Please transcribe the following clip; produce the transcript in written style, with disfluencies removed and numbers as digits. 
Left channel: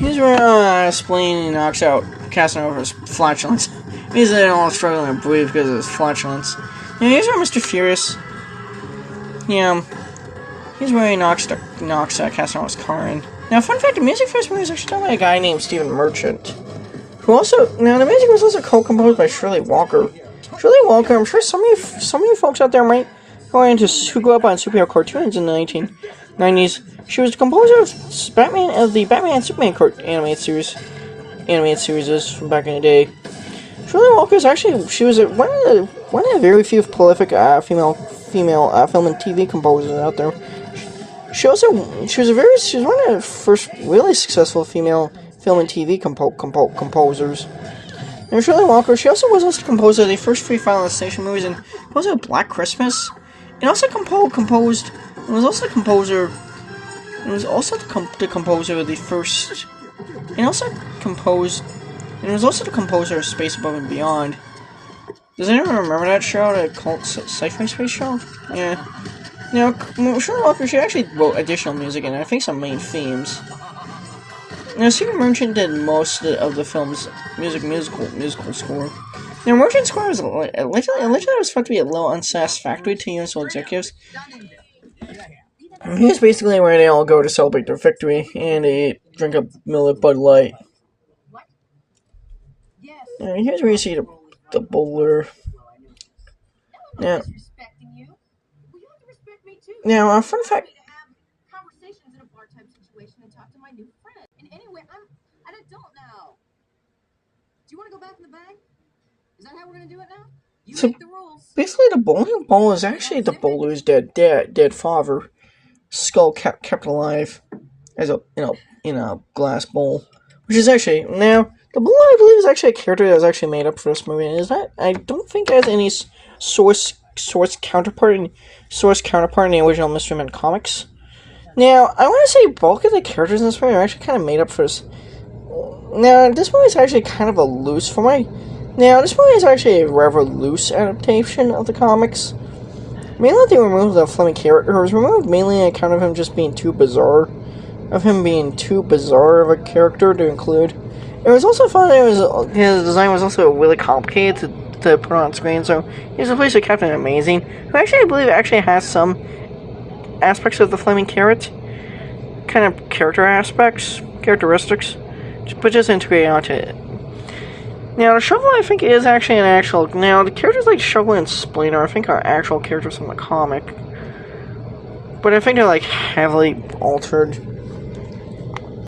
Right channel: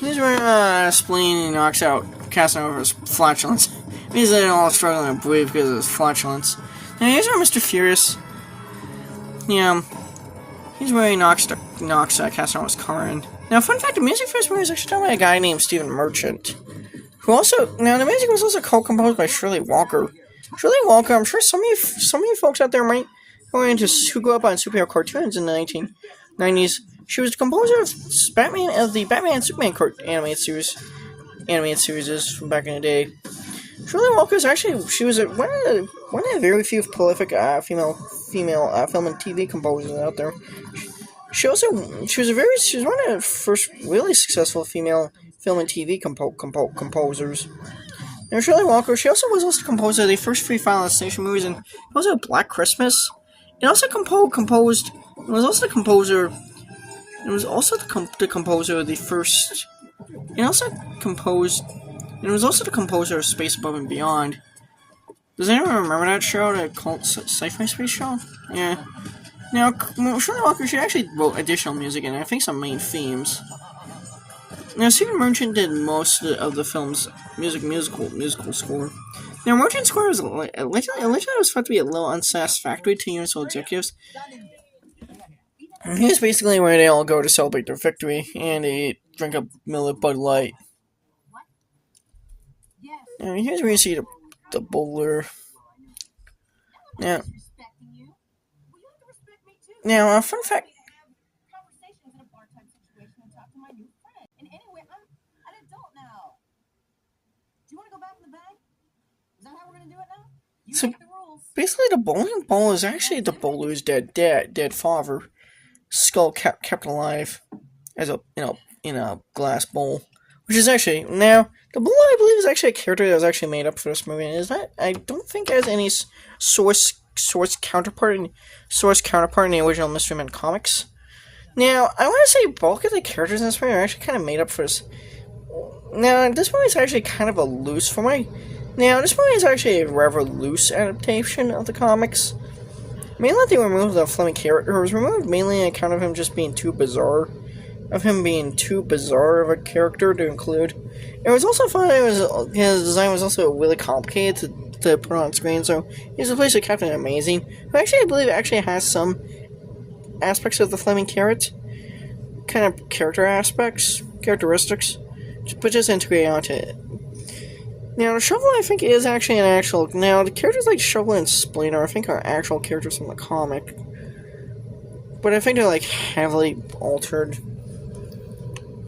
He's spleen and knocks out Casanova's flatulence. He's all struggling to breathe because of his flatulence. Now here's where Mr. Furious, yeah, he's where he knocks Casanova's car in. Now, fun fact, the music for this movie was actually done by a guy named Stephen Merchant, who also, now the music was also co-composed by Shirley Walker. Shirley Walker, I'm sure some of you folks out there who grew up on superhero cartoons in the 1990s. She was the composer of the Batman and Superman animated series from back in the day. Shirley Walker is actually, she was one of the very few prolific female film and TV composers out there. She was one of the first really successful female film and TV composers. And Shirley Walker, she also was the composer of the first three Final Destination movies, and also Black Christmas. And also the composer of the first, and was also the composer of Space Above and Beyond. Does anyone remember that show, that cult sci-fi space show? Yeah. Now, Shirley Walker, she actually wrote additional music and I think some main themes. Now, Stephen Merchant did most of the film's musical score. Now, Merchant's score was allegedly was thought to be a little unsatisfactory to Universal executives. He was basically where they all go to celebrate their victory, and they drink a Miller Bud Light. Now, here's where you see the bowler. Now, a fun fact. So basically, the bowling ball is actually the bowler's dead father, skull kept alive as in a glass bowl, which is actually, now the bowler, I believe, is actually a character that was actually made up for this movie. And I don't think it has any source counterpart in the original Mystery Men comics. Now, I want to say bulk of the characters in this movie are actually kind of made up for this. Now, this movie is actually kind of a loose for my. Now, this movie is actually a rather loose adaptation of the comics. Mainly, they removed the Fleming character. It was removed mainly on account of him just being too bizarre. Of him being too bizarre of a character to include. It was also fun that his design was also really complicated to put on screen, so he was replaced with Captain Amazing, who actually, I believe, actually has some aspects of the Fleming carrot. Kind of characteristics, but just integrated onto it. Now, the Shovel, I think, is actually an actual. Now, the characters like Shovel and Splinter, I think, are actual characters from the comic. But I think they're, like, heavily altered.